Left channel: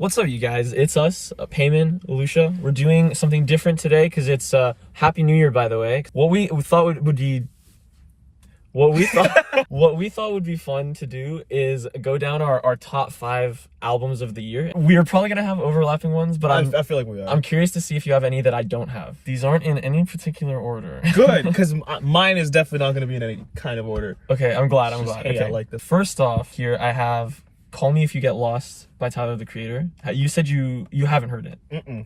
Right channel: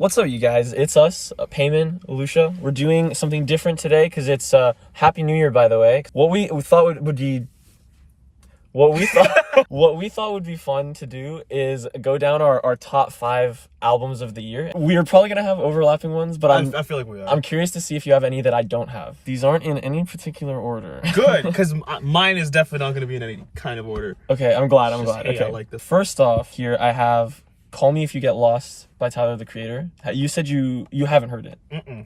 What's up, you guys? It's us, Peyman, Eilish. We're doing something different today because it's Happy New Year, by the way. What we thought would be fun to do is go down our top 5 albums of the year. We're probably gonna have overlapping ones, but I feel like we are. I'm curious to see if you have any that I don't have. These aren't in any particular order. Good, because mine is definitely not gonna be in any kind of order. Okay, I'm glad. Hey, okay. I like this. First off, here I have "Call Me If You Get Lost" by Tyler, the Creator. You said you haven't heard it.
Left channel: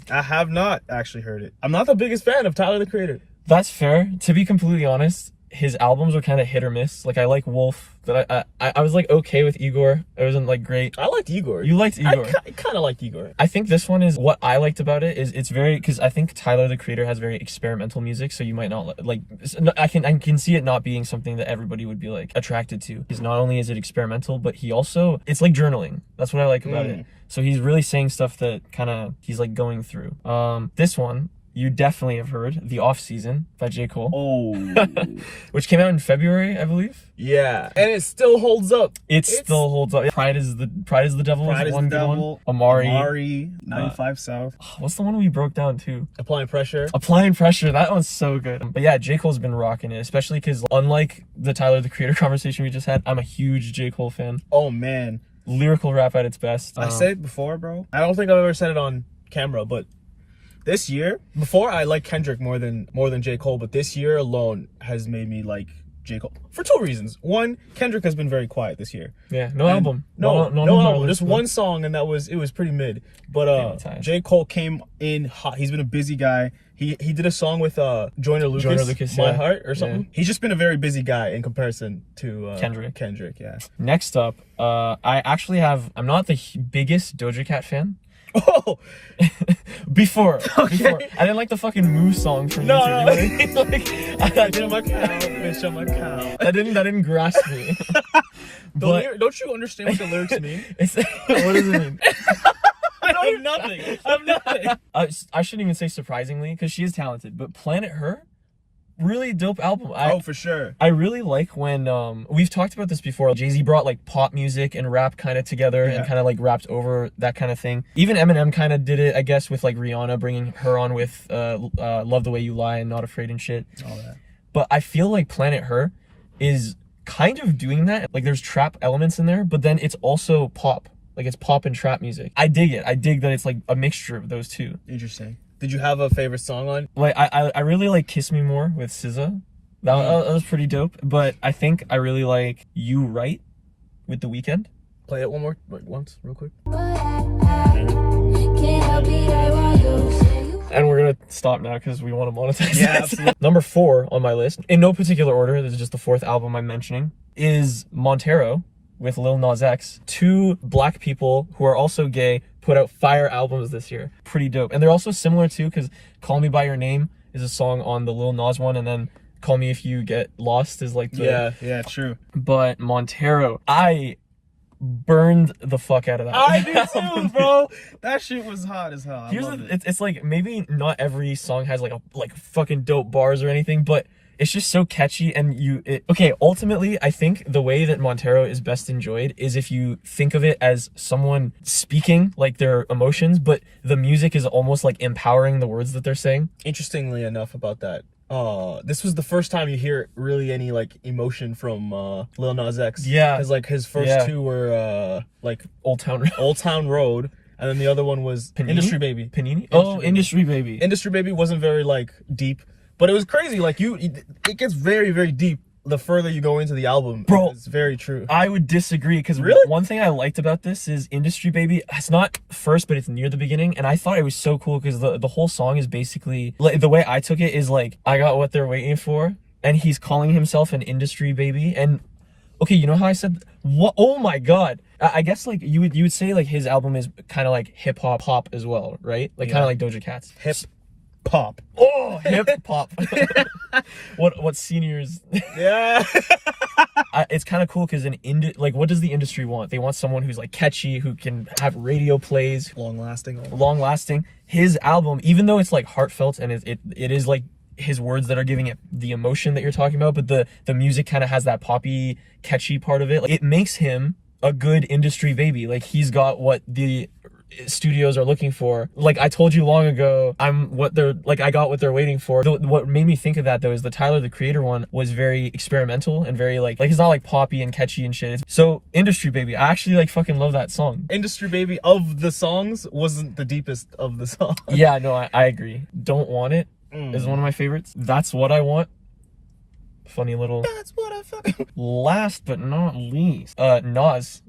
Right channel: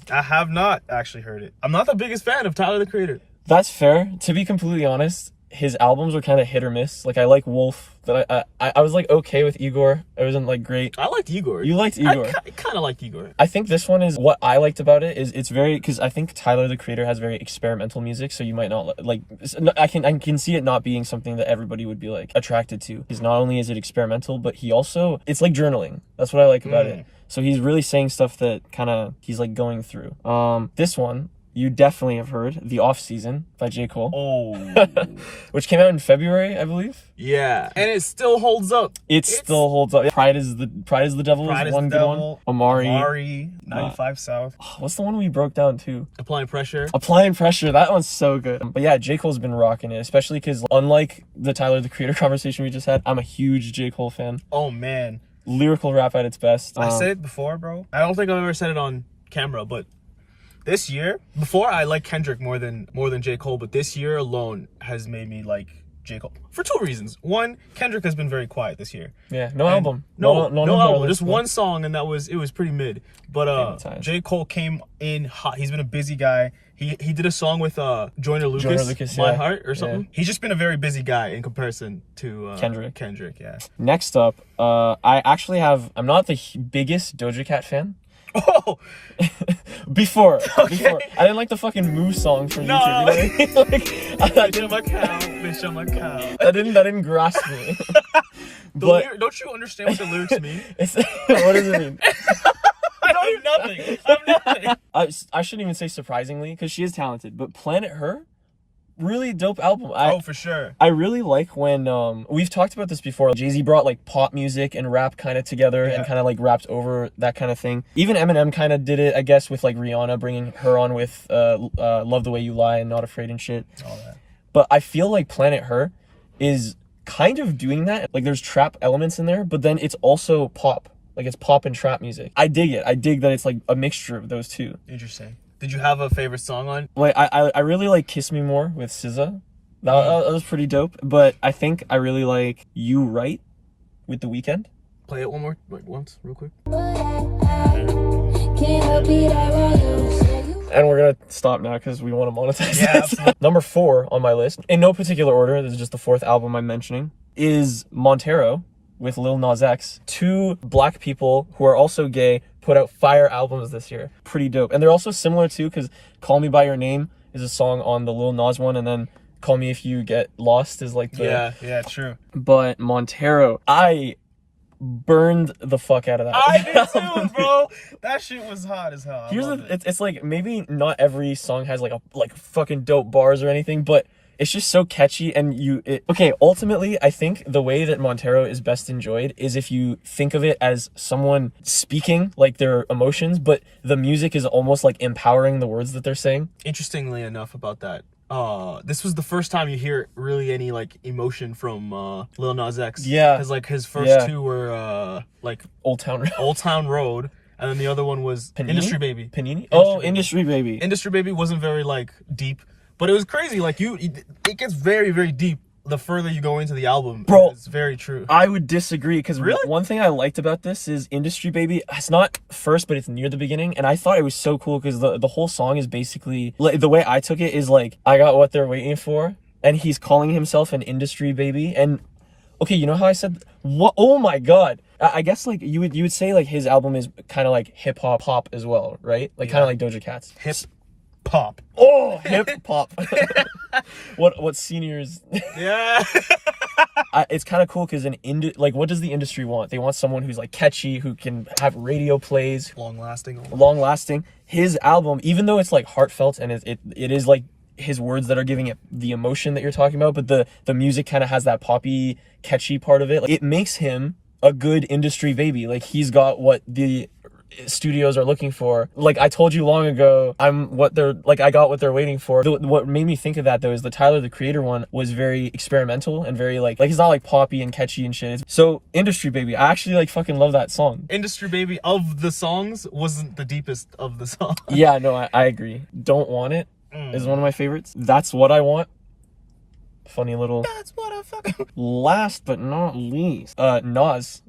I have not actually heard it. I'm not the biggest fan of Tyler, the Creator. That's fair. To be completely honest, his albums are kind of hit or miss. Like, I like Wolf. That I was like okay with Igor. It wasn't like great. I liked Igor. You liked Igor. I kind of liked Igor. I think this one is what I liked about it is it's very, because I think Tyler, the Creator, has very experimental music, so you might not like. I can see it not being something that everybody would be like attracted to. Because not only is it experimental, but he also, it's like journaling. That's what I like about it. So he's really saying stuff that kind of he's like going through. This one you definitely have heard, "The Off Season" by j.cole. Oh. Which came out in February, I believe. Yeah, and it still holds up. It still holds up. Pride is the Devil. Pride is the Devil. Amari. 95 South. What's the one we broke down too? Applying Pressure. Applying Pressure. That one's so good. But yeah, j.cole's been rocking it, especially because unlike the Tyler, the Creator conversation we just had, I'm a huge j.cole fan. Oh man, lyrical rap at its best. I said it before, bro. I don't think I've ever said it on camera, but this year, before I like Kendrick more than j.cole, but this year alone has made me like j.cole for 2 reasons. One, Kendrick has been very quiet this year. Yeah, no album. No album. Just one song, and it was pretty mid. But j.cole came in hot. He's been a busy guy. He did a song with Joyner Lucas, My Heart or something. Yeah. He's just been a very busy guy in comparison to Kendrick, yeah. Next up, I'm not the biggest Doja Cat fan. Oh! Before. I didn't like the fucking Moo song from No. Bitch, I'm a cow, bitch, I'm a cow. That didn't grasp me. But don't you understand what the lyrics mean? What does it mean? I have nothing. I shouldn't even say surprisingly, because she is talented, but Planet Her, really dope album. For sure. I really like when we've talked about this before. Jay-Z brought like pop music and rap kind of together and kind of like rapped over that kind of thing. Even Eminem kind of did it, I guess, with like Rihanna bringing her on with Love the Way You Lie and Not Afraid and shit. Oh yeah. But I feel like Planet Her is kind of doing that. Like, there's trap elements in there, but then it's also pop. Like, it's pop and trap music. I dig it. I dig that it's like a mixture of those two. Interesting. Did you have a favorite song on? Like, I really like "Kiss Me More" with SZA. That was pretty dope. But I think I really like "You Right" with The Weeknd. Play it once, real quick. And we're gonna stop now because we want to monetize. Yeah, absolutely. Number 4 on my list, in no particular order, this is just the 4th album I'm mentioning, is Montero with Lil Nas X. 2 black people who are also gay put out fire albums this year. Pretty dope. And they're also similar too, because "Call Me By Your Name" is a song on the Lil Nas one, and then "Call Me If You Get Lost" is like the... Yeah, true. But Montero, I burned the fuck out of that. I did too, bro. That shit was hot as hell. It's like, maybe not every song has like fucking dope bars or anything, but it's just so catchy. And ultimately, I think the way that Montero is best enjoyed is if you think of it as someone speaking like their emotions, but the music is almost like empowering the words that they're saying. Interestingly enough about that, this was the first time you hear really any like emotion from Lil Nas X. Yeah. Because like his first 2 were like Old Town Road. And then the other one was Panini? Industry Baby. Panini? Industry Baby. Industry Baby wasn't very like deep. But it was crazy, like it gets very, very deep the further you go into the album. Bro, it's very true. I would disagree, because one thing I liked about this is Industry Baby, it's not first, but it's near the beginning, and I thought it was so cool because the whole song is basically, like, the way I took it is like, I got what they're waiting for, and he's calling himself an industry baby. And okay, you know how I said, what? Oh my god. I guess like you would say like his album is kind of like hip hop pop as well, right? Like kind of like Doja Cat's. Hip pop. Oh, hip hop. What seniors? Yeah. It's kind of cool because like, what does the industry want? They want someone who's like catchy, who can have radio plays, long lasting. His album, even though it's like heartfelt and it is like his words that are giving it the emotion that you're talking about, but the music kind of has that poppy, catchy part of it. Like, it makes him a good industry baby. Like, he's got what the studios are looking for. Like I told you long ago, I got what they're waiting for. What made me think of that though is the Tyler the Creator one was very experimental and very like it's not like poppy and catchy and shit. So Industry Baby, I actually like fucking love that song. Industry Baby of the songs wasn't the deepest of the songs. Yeah, no, I agree. Don't Want It is one of my favorites. That's What I Want. Funny little. That's what I fucking. Last but not least, Nas.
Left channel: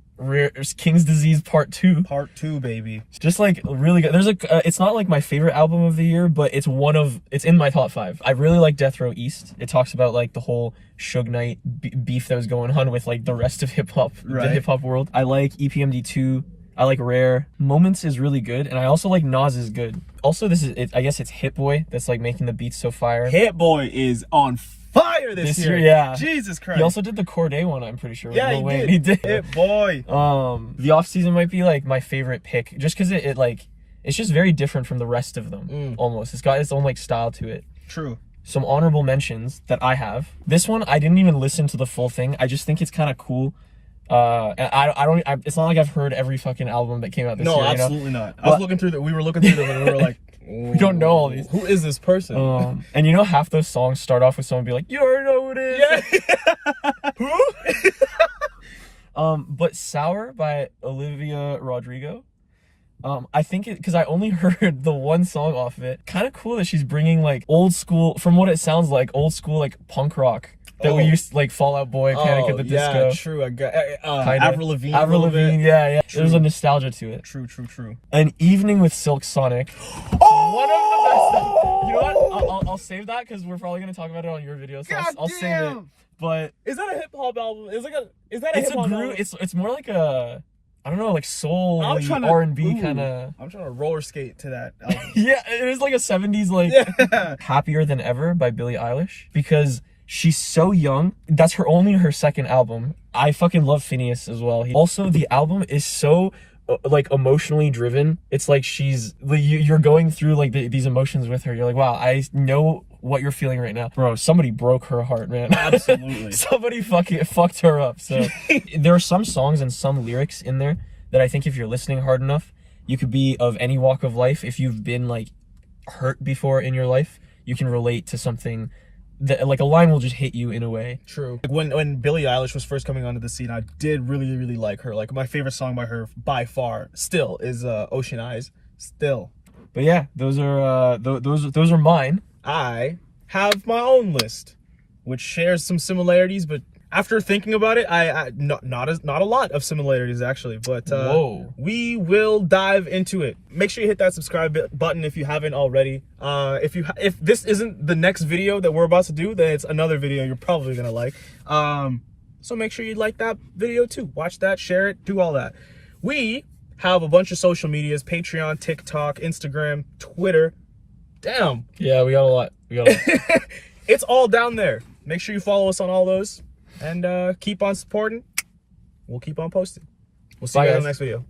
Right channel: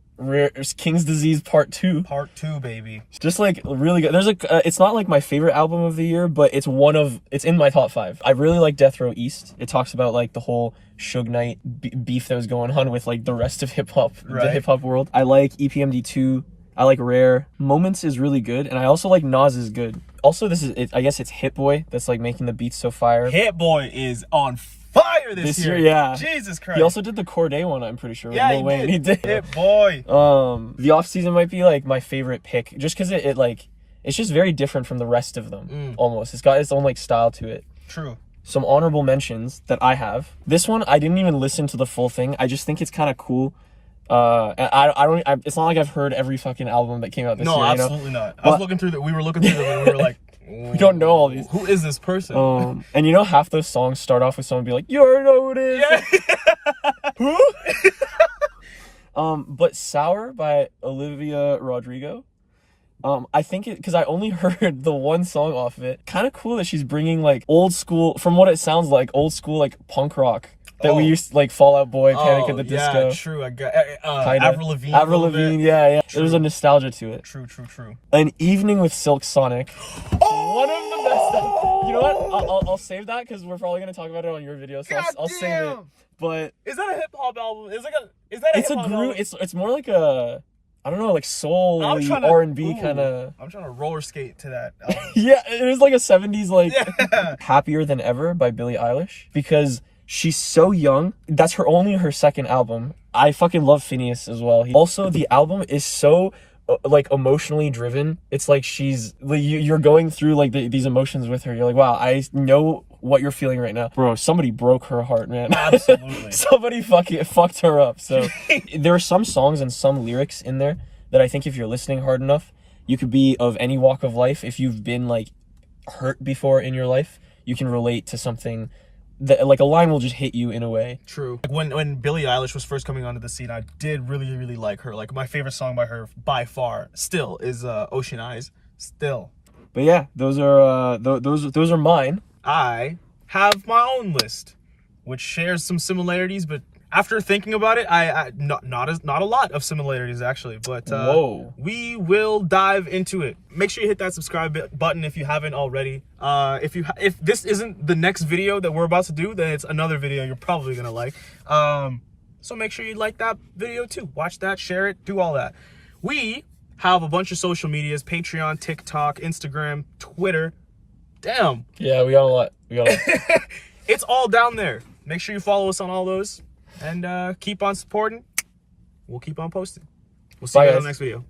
King's Disease Part 2. Part 2, baby. Just like really good. There's it's not like my favorite album of the year, but it's in my top 5. I really like Death Row East. It talks about like the whole Suge Knight beef that was going on with like the rest of hip hop, the hip hop world. I like EPMD 2. I like Rare. Moments is really good, and I also like Nas is good. Also, I guess it's Hit Boy that's like making the beats so fire. Hit Boy is on fire this year. Yeah. Jesus Christ. He also did the Corday one, I'm pretty sure. Yeah, he did. Hit Boy. The Off Season might be like my favorite pick, just because it's just very different from the rest of them. Almost. It's got its own like style to it. True. Some honorable mentions that I have. This one I didn't even listen to the full thing. I just think it's kind of cool. It's not like I've heard every fucking album that came out this year. No, absolutely not. We were looking through them and we were like, we don't know all these. Who is this person? And you know, half those songs start off with someone be like, you already know who it is. Yeah. Who? But Sour by Olivia Rodrigo. I think because I only heard the one song off of it. Kind of cool that she's bringing like old school, from what it sounds like, old school like punk rock that we used to like Fall Out Boy, Panic at the Disco. Yeah, true. I got Avril Lavigne. Avril Lavigne, yeah. True. There's a nostalgia to it. True. An Evening with Silk Sonic. One of the best. You know what? I'll save that because we're probably gonna talk about it on your video, so I'll save it. But is that a hip hop album? Is that a hip hop album? It's more like a, I don't know, like soul R&B kind of. I'm trying to roller skate to that album. Yeah, it was like a 70s like Happier Than Ever by Billie Eilish, because she's so young. That's only her second album. I fucking love Phineas as well. Also, the album is so like emotionally driven. It's like you're going through like these emotions with her. You're like, wow, I know what you're feeling right now. Bro, somebody broke her heart, man. Absolutely. Somebody fucked her up. So there are some songs and some lyrics in there that I think if you're listening hard enough, you could be of any walk of life. If you've been like hurt before in your life, you can relate to something that like a line will just hit you in a way. True. When Billie Eilish was first coming onto the scene, I did really like her. Like my favorite song by her by far still is Ocean Eyes. Still. But yeah, those are mine. I have my own list, which shares some similarities, but after thinking about it, not a lot of similarities actually, but we will dive into it. Make sure you hit that subscribe button if you haven't already. If this isn't the next video that we're about to do, then it's another video you're probably gonna like. So make sure you like that video too. Watch that, share it, do all that. We have a bunch of social medias: Patreon, TikTok, Instagram, Twitter. Damn. Yeah, we got a lot. It's all down there. Make sure you follow us on all those. And keep on supporting. We'll keep on posting. We'll see you guys in the next video.